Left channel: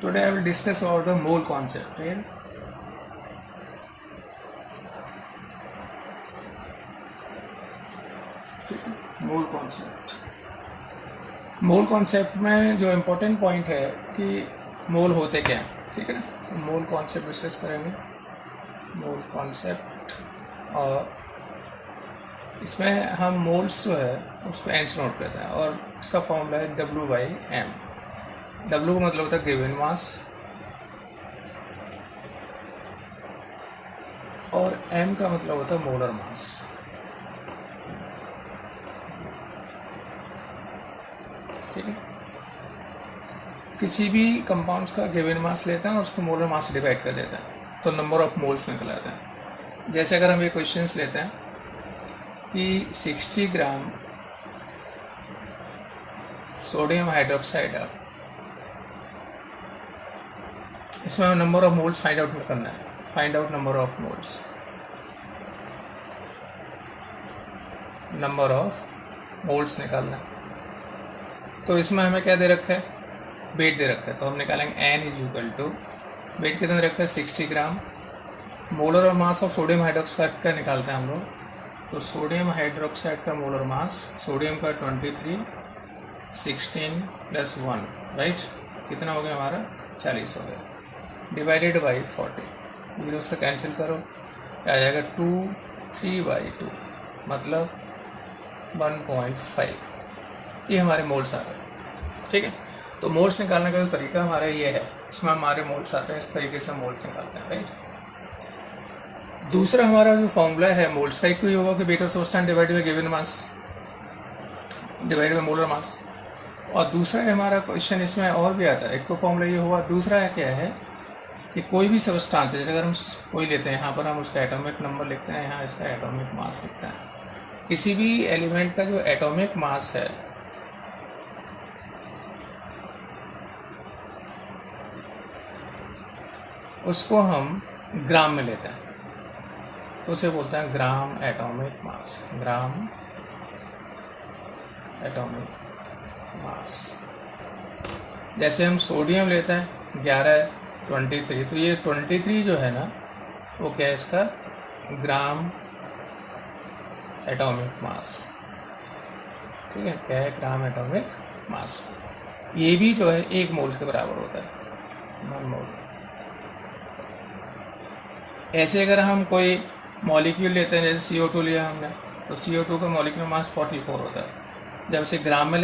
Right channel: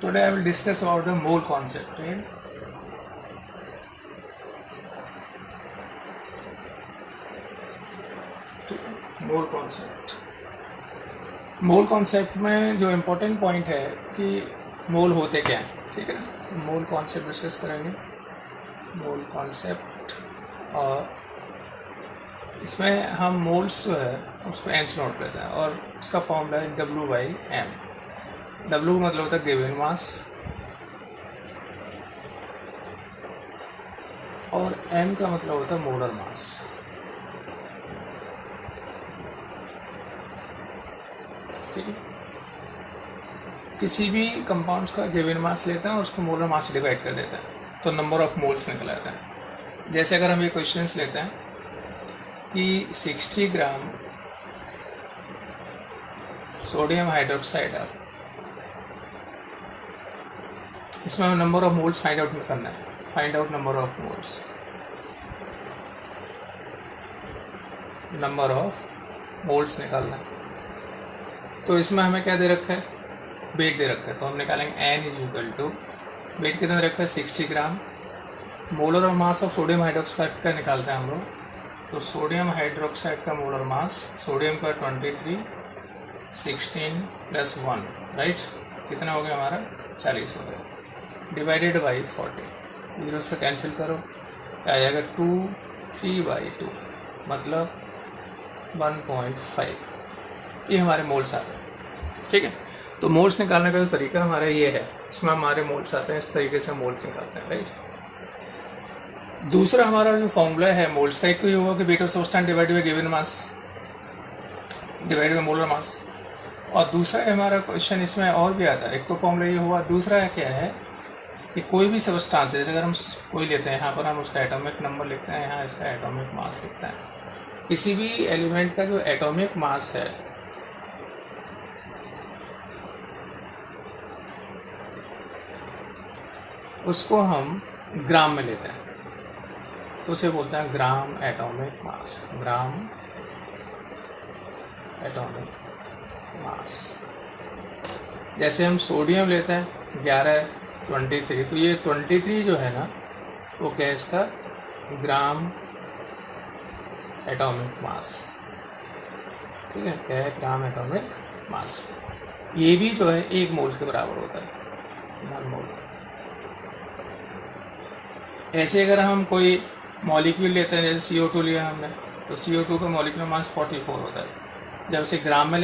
Today I will discuss about the mole concept, right? Mole concept, mole concept में जो important point है कि मोल होते क्या हैं, ठीक है ना। तो मोल कॉन्सेप्ट डिस्कस करेंगे, मोल कॉन्सेप्ट, और इसमें हम मोल्स जो है उसको एन से नोट करते हैं और उसका फॉर्मूला है W/M। W मतलब होता है गिवन मास और M का मतलब होता है मोलर मास। ठीक है, किसी भी कंपाउंड्स का गिवन मास लेते हैं और उसको मोलर मास से डिवाइड कर देते हैं तो नंबर ऑफ मोल्स निकल आता है। जैसे अगर हम ये क्वेश्चंस लेते हैं कि 60 ग्राम सोडियम हाइड्रोक्साइड है, इसमें हमें number of moles find out करना है। Find out number of moles, number of moles निकालना है। तो इसमें हमें क्या दे रखा है, वेट दे रखा है, तो हम निकालेंगे n is equal to, weight कितना रखा है 60 ग्राम, मोलर और मास ऑफ सोडियम हाइड्रोक्साइड का निकालते हैं हम लोग। तो सोडियम हाइड्रोक्साइड का मोलर मास, सोडियम का 23, 16 प्लस 1, राइट, कितना हो गया हमारा 40 हो गया, डिवाइडेड बाई 40। जीरो से कैंसिल करो, आ जाएगा 2, 3/2 मतलब 1.5। ये हमारे मोल्स आ गए। ठीक है, तो मोल्स निकालने का जो तरीका हमारा ये है, इसमें हमारे मोल्स आते हैं, इस तरीके से मोल्स निकालते हैं, राइट। दूसरा हमारा जो फॉर्मूला है मोल्स का, एक तो ये होगा कि weight of substance divided by given mass divided by molar mass, और दूसरा है हमारा क्वेश्चन इसमें और भी आता है। एक तो फॉर्मूला ये हुआ, दूसरा है क्या है कि कोई भी सब्सटेंस, जैसे अगर हम कोई लेते हैं, यहाँ पर हम उसका एटॉमिक नंबर लिखते हैं, यहाँ इसका एटॉमिक मास लिखते हैं। किसी भी एलिमेंट का जो एटॉमिक मास है उसको हम ग्राम में लेते हैं, तो उसे बोलते हैं gram atomic mass, gram atomic mass. जैसे हम सोडियम लेते हैं 1123, तो ये 23 जो है ना वो क्या है, इसका ग्राम एटॉमिक मास। ठीक है, क्या है, ग्राम एटॉमिक मास। ये भी जो है 1 मोल के बराबर होता है, 1 मोल। ऐसे अगर हम कोई मॉलिक्यूल लेते हैं, जैसे CO2 लिया हमने, तो CO2 का मॉलिक्यूलर मास 44 होता है। जब इसे ग्राम में